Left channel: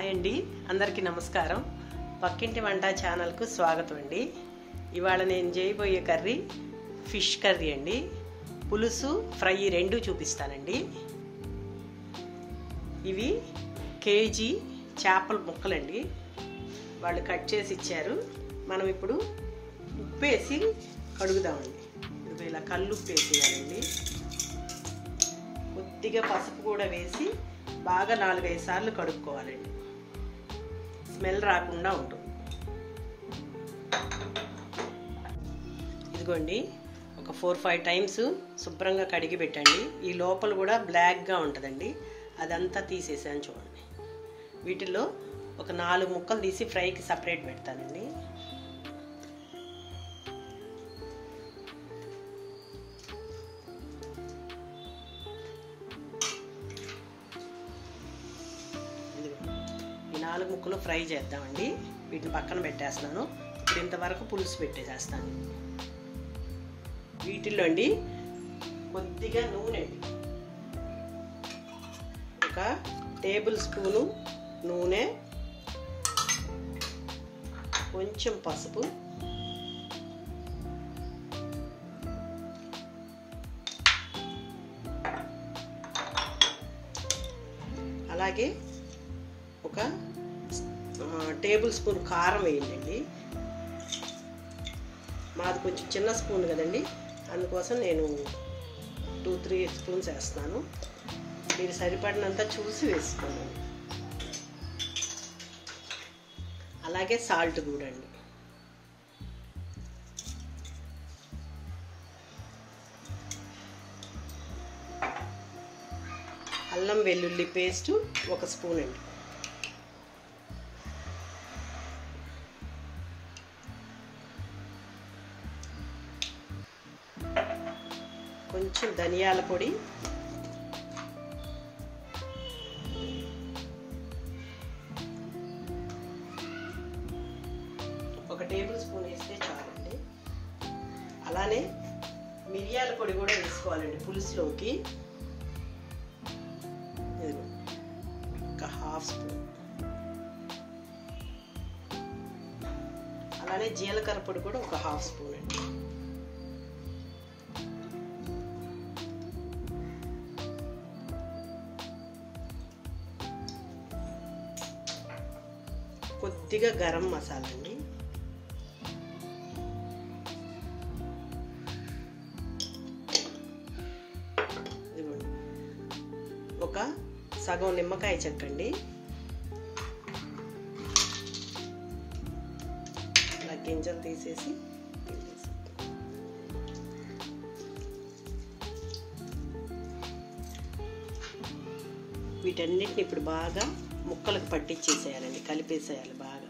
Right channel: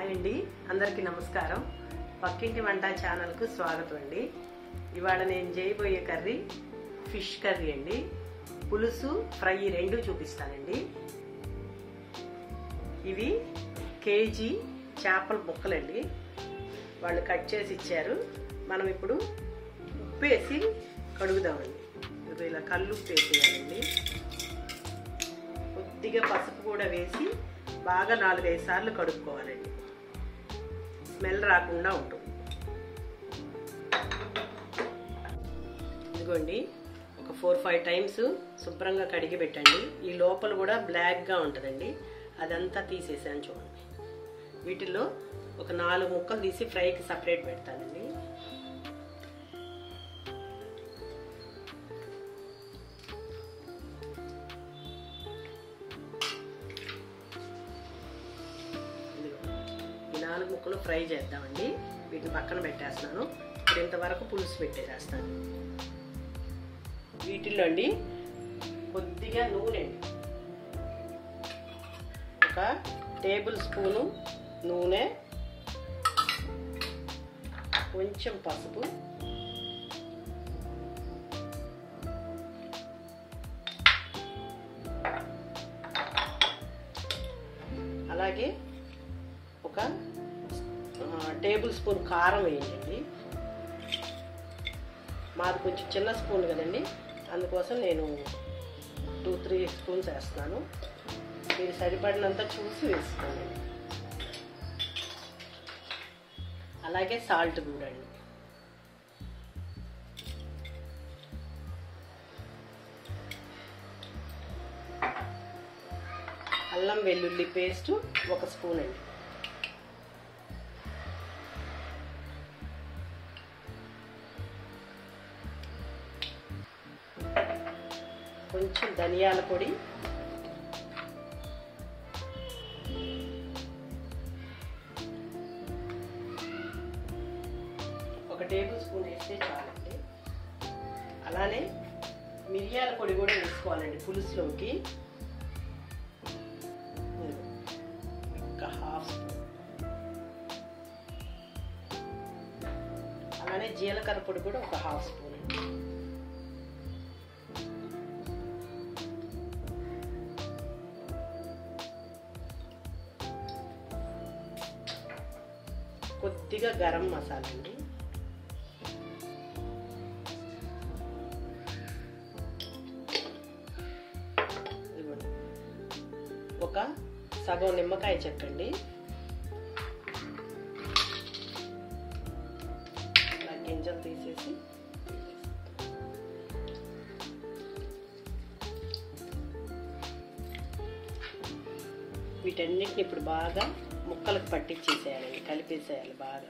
Hi అండి, అందరికీ నమస్కారం. పక్కింటి వంట ఛానల్కు స్వాగతం అండి. ఇవాళ నేను చేయబోయే కర్రీ ఫిష్ కర్రీ అండి. పులుసు ఫ్రై రెండు చూపిస్తానండి. ఇవి కేజీ చేపల ముక్కలండి. వాళ్ళు కట్ చేసి ఇచ్చారు. మనం ఇప్పుడు ఉప్పు వేసి కడుగుదామండి. ఇది ఇలా కళ్ళు ఉప్పు వేసేయాలండి. కొద్దిగా పసుపు కూడా వేసి బాగా 4-5 సార్లు కడుక్కోవాలండి. స్మెల్ రాకుండా ఉంటుంది. ఇదిగోండి, ఒక 4-5 టైమ్స్ శుభ్రంగా కడిగి పెట్టండి. ఈ లోపల కూడా బ్లాక్గా ఉంటుందండి, అదంతా తీసేసాను చూడండి. వీటిల్లో ఒక 4 ముక్కలు తీసి ఫ్రైకి సపరేట్ పెడతానండి. ఈ 4 ముక్కలు ఫ్రై చేద్దామండి. వీటిని పక్కన పెట్టేస్తున్నాను. ఇప్పుడు ఇంతవరకు పులుసు పెట్టేసేస్తాను. వీటిల్లో అండి కొద్దిగా నూనె, ఒక టేబుల్ స్పూను నూనె, కొంచెం పసుపు, అలాగే ఒక టేబుల్ స్పూన్ కారం వేయండి. మాది కొంచెం చిన్న స్పూన్ కదండి, అందుకోసం నేను 2-3 స్పూన్స్ వేస్తున్నాను. మీరు సరిపడినంత చూసి వేసుకోండి. అలాగే సాల్ట్ కూడా అండి. అల్లం వెల్లుల్లి పేస్ట్ 1 స్పూన్ అండి. కొంచెం ధనియాల పొడి, ఒక టేబుల్ స్పూన్ వేస్తే చాలండి. అలానే మిరియాల పొడి కూడా వేసుకోవాలండి పులుసులోకి. ఒక 1/2 స్పూన్. అలానే జీలకర్ర పొడి కూడా ఒక 1/2 స్పూన్ అండి. కొద్దిగా గరం మసాలా అండి. ఇదిగోండి, ఒక సగం నిమ్మకాయ చెక్కండి. ఇలా గింజలు తీసేసి వీటన్నిటిని ఇప్పుడు బాగా ముక్కలకు పట్టించేసేయాలండి, కలిపేసేయాలి బాగా.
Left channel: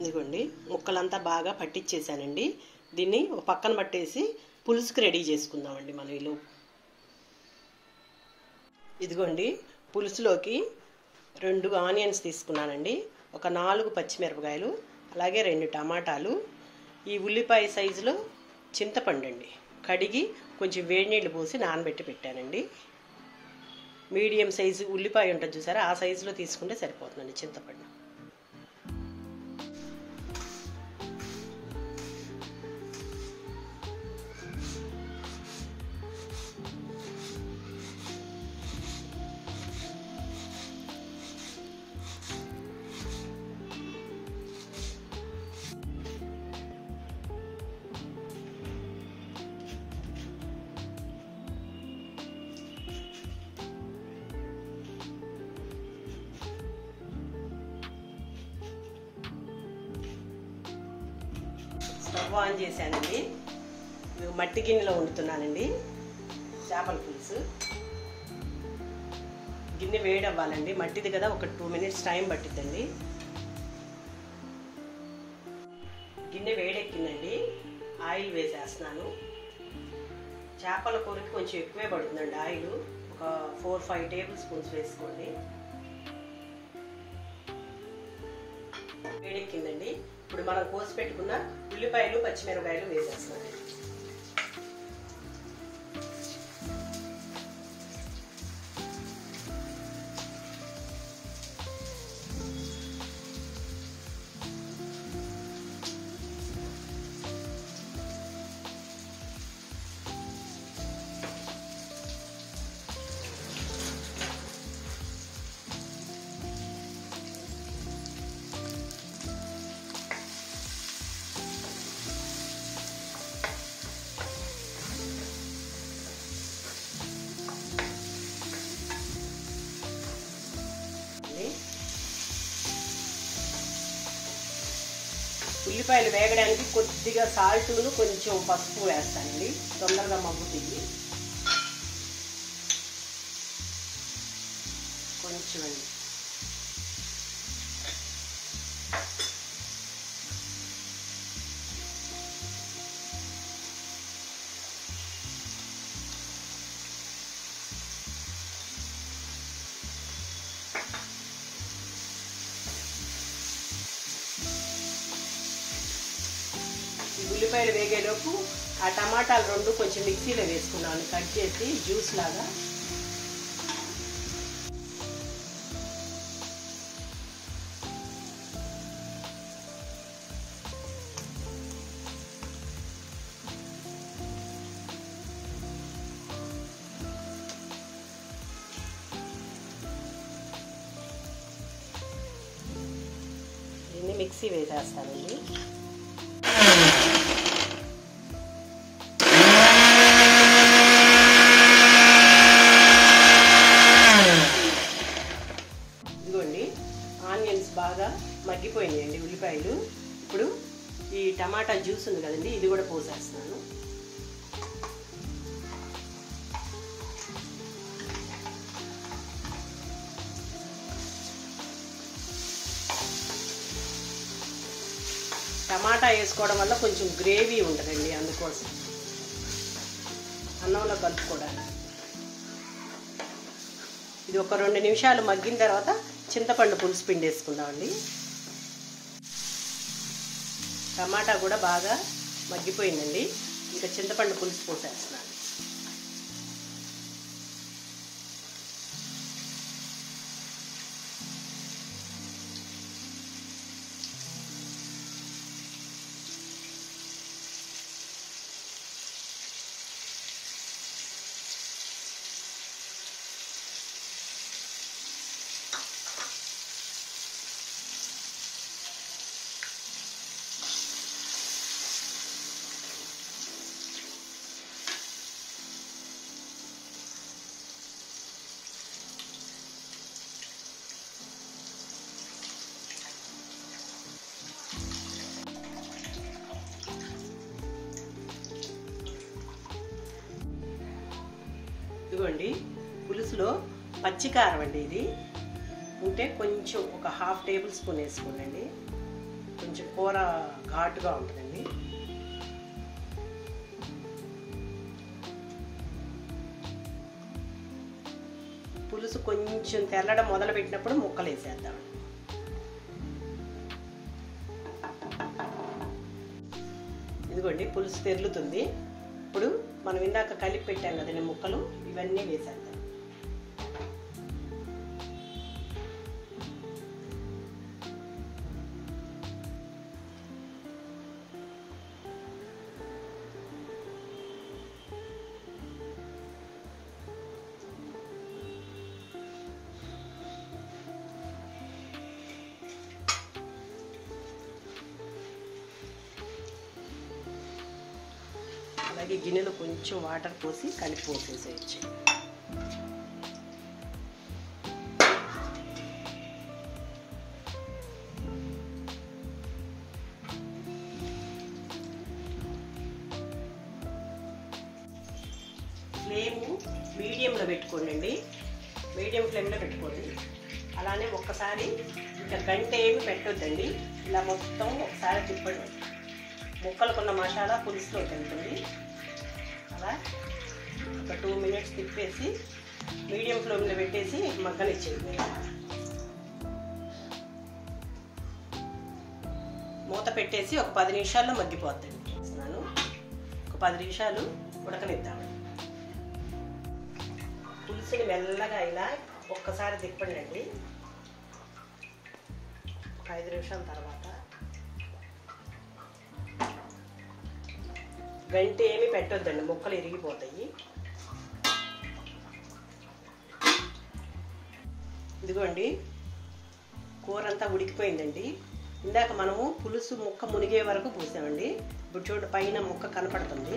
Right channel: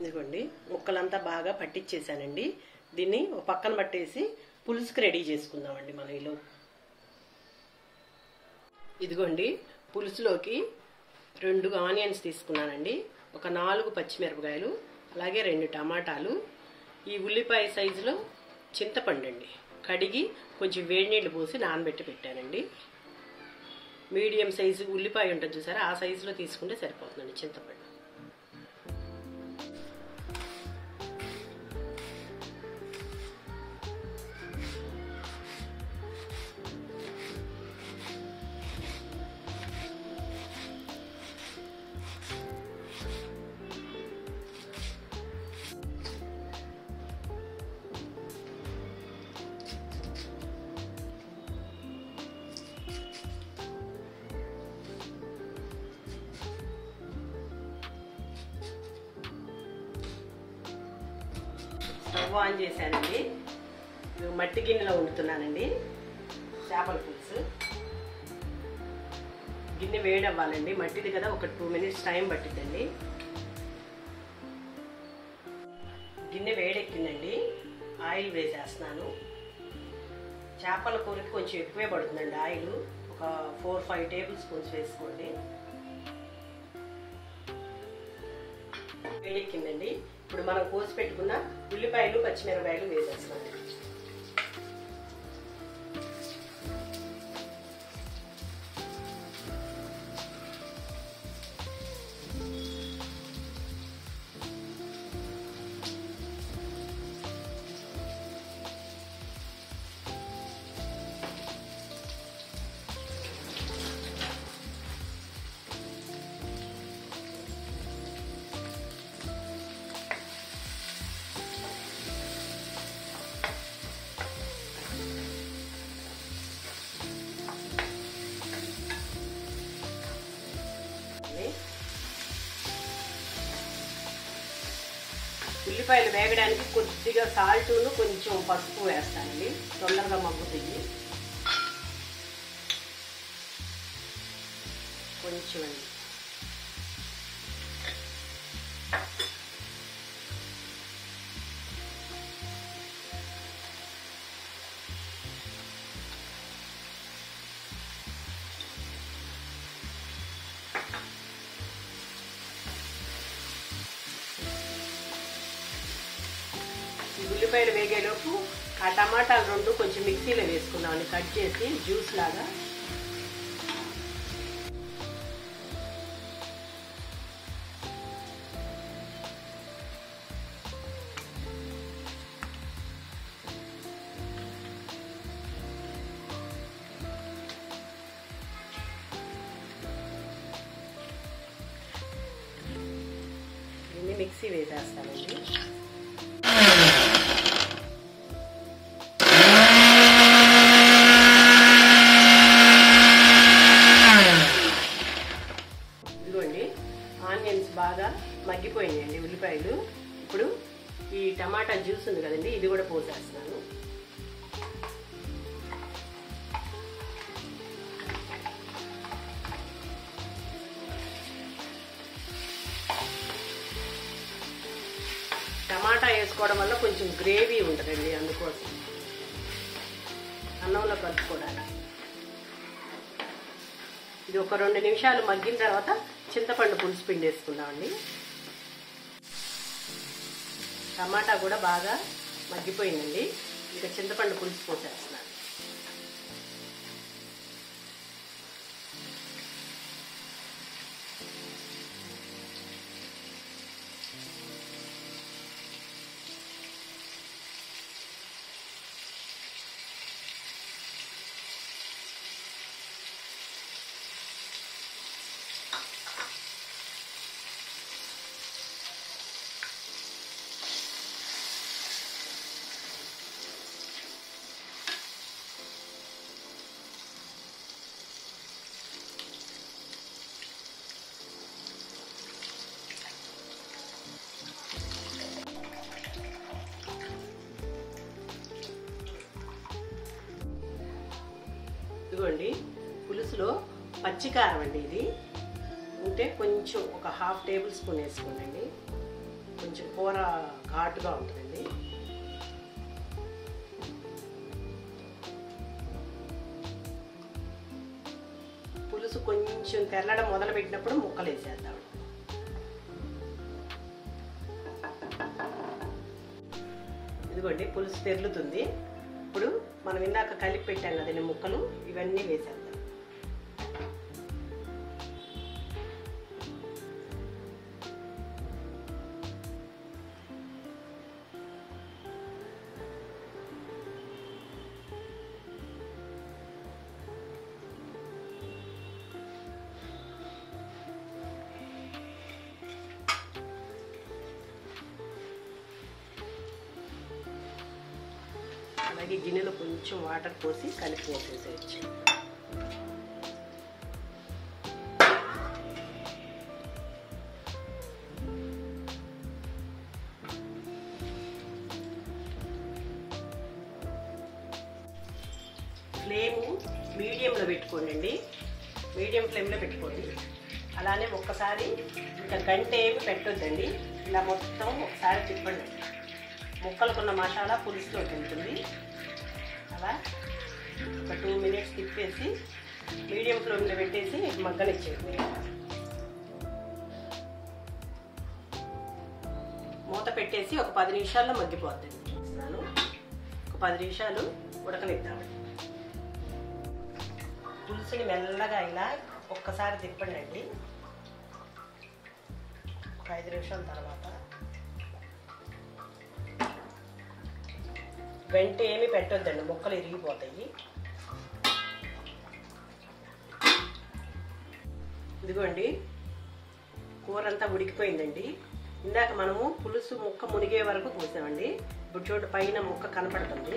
ఇదిగోండి, ముక్కలంతా బాగా పట్టించేసానండి. దీన్ని ఒక పక్కన పట్టేసి పులుసుకి రెడీ చేసుకుందామండి మనం. ఇలా ఇదిగోండి, పులుసులోకి 2 ఆనియన్స్ తీసుకున్నానండి, ఒక 4 పచ్చిమిరపకాయలు, అలాగే 2 టమాటాలు, ఈ ఉల్లిపాయ సైజులో చింతపండు అండి, కడిగి కొంచెం వేడి నీళ్ళు పోసి నానబెట్టి పెట్టానండి. మీడియం సైజు ఉల్లిపాయ ఉంటుంది చూసారా, ఆ సైజులో తీసుకుంటే సరిపోతుందండి చింతపండు. స్టవ్ ఆన్ చేశానండి. మట్టి గిన్నెలో వండుతున్నానండి చేపల పులుసు. గిన్నె వేడవ్వాలండి, మట్టిది కదా, ఒక 2 మినిట్స్ టైం పట్టిద్దండి. గిన్నె వేడెక్కిందండి, ఆయిల్ వేసేస్తున్నాను. చేపల కూరకి కొంచెం ఎక్కువే పడుతుందండి ఆయిల్. ఒక 4-5 టేబుల్ స్పూన్స్ వేసుకోండి. వేడెక్కిందండి. ఇప్పుడు మనం కోసి పెట్టుకున్న ఉల్లిపాయలు పచ్చిమిరపకాయలు వేసేస్తాం. ఉల్లిపాయలు వేగడానికి కొద్దిగా సాల్ట్ను కొంచెం పసుపు వేస్తానండి, తొందరగా మగ్గుతుంది. కొంచెం ఉల్లిపాయలు వేగేలోపు ఆ టమాటాలు 2 కొంచెం మిక్సీలో వేసుకున్నాను, కట్ చేసి జ్యూస్ లాగా. దీన్ని మిక్సీ వేసేస్తానండి. ఆనియన్స్ బాగా మగ్గిపోయినాయండి ఉల్లిపాయలు. ఇప్పుడు ఈ టమాటా జ్యూస్ ఉంది కదండి, ఇది కూడా పోసేస్తున్నాను. టమాటా వేసుకోవడం వల్ల కొంచెం గ్రేవీ ఉంటుందండి, అందుకోసం అన్నంలో కలుపుకోవడానికి. ఇది ఒక 2 నిమిషాలు మగ్గిన తర్వాత చింతపండు పులుసు పిండి వేసుకుందామండి. టమాటా కూడా బాగా మగ్గిపోయిందండి. ఇంకా చింతపండు పులుసు పోసేస్తున్నాను. ఇదిగోండి పులుసులో పచ్చికారం అండి, ఇది ఉంటే కొంచెం ఒక 1/2 టేబుల్ స్పూన్ వేసుకోండి. కొంచెం కూర ఘాటుగా ఉంటుందండి. పులుసు కొంచెం తెల్లడం మొదలు పెట్టినప్పుడు ముక్కలు వేసేద్దాం. ఇదిగోండి పులుసు తెరులుతుంది. ఇప్పుడు మనం ఇందాక కలిపి పెట్టాం కదండి ముక్కలు, ఇవన్నీ వేసేద్దాం. అలాగే గిన్నెలో కొంచెం వాటర్ పోసి కలిపి పోసేసేయచ్చు. ఫ్లేమ్ మీడియంలో పెట్టుకోండి, మీడియం ఫ్లేమ్లో పెట్టుకోండి. అలానే ఒక్కసారి ఇంకా గంట ఏమి పెట్టొద్దండి, ఇలా మొత్తం ఒకసారి తిప్పండి. ముక్కలకున్న మసాలా పులుసులో ఉంటుంది. అలా ఒక 2 మినిట్స్ తిప్పేసి మీడియం ఫ్లేమ్లో పెట్టేసి మగ్గనిచ్చేయండి. మూత పెట్టేసి ఒక 10 నిమిషాల్లో మగ్గిపోద్దండి. ఒక 10 నిమిషాలు ఉడకనిద్దాం. పులుసుని మెల్లగా ఇలా ఒక్కసారి తిప్పండి. 5 నిమిషాల తర్వాత వెంట ఏమి పెట్టొద్దండి, ముక్కలు ఇరిగిపోతాయి. ఇదిగోండి కూర అంతా ఉడికిపోయిందండి. ఇందాక మనము పులుసు ముక్క మునిగే వరకు పోసామండి. ఇప్పుడు చూడండి పైన ముక్క కనపడుతుంది,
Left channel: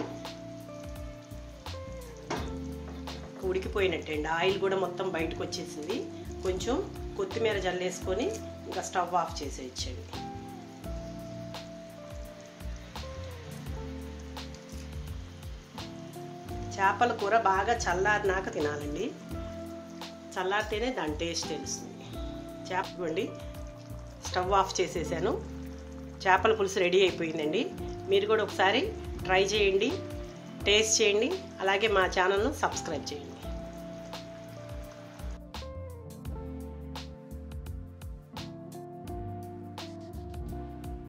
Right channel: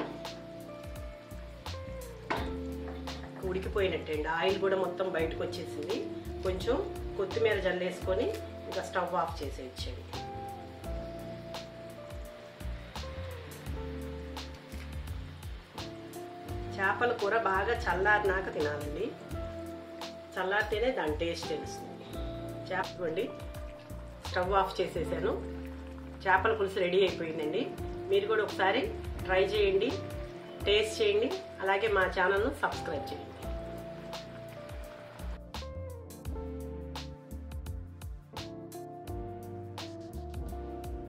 ఉడికిపోయినట్టే అండి. ఆయిల్ కూడా మొత్తం బయటకు వచ్చేసింది. కొంచెం కొత్తిమీర జల్లేసుకొని ఇంకా స్టవ్ ఆఫ్ చేసేయచ్చండి. చేపల కూర బాగా చల్లారినాక తినాలండి. చల్లారితేనే దాని టేస్ట్ తెలుస్తుంది. చేపండి స్టవ్ ఆఫ్ చేసేసాను. చేపల పులుసు రెడీ అయిపోయిందండి. మీరు కూడా ఒకసారి ట్రై చేయండి, టేస్ట్ చేయండి. అలాగే మా ఛానల్ను సబ్స్క్రైబ్ చేయండి.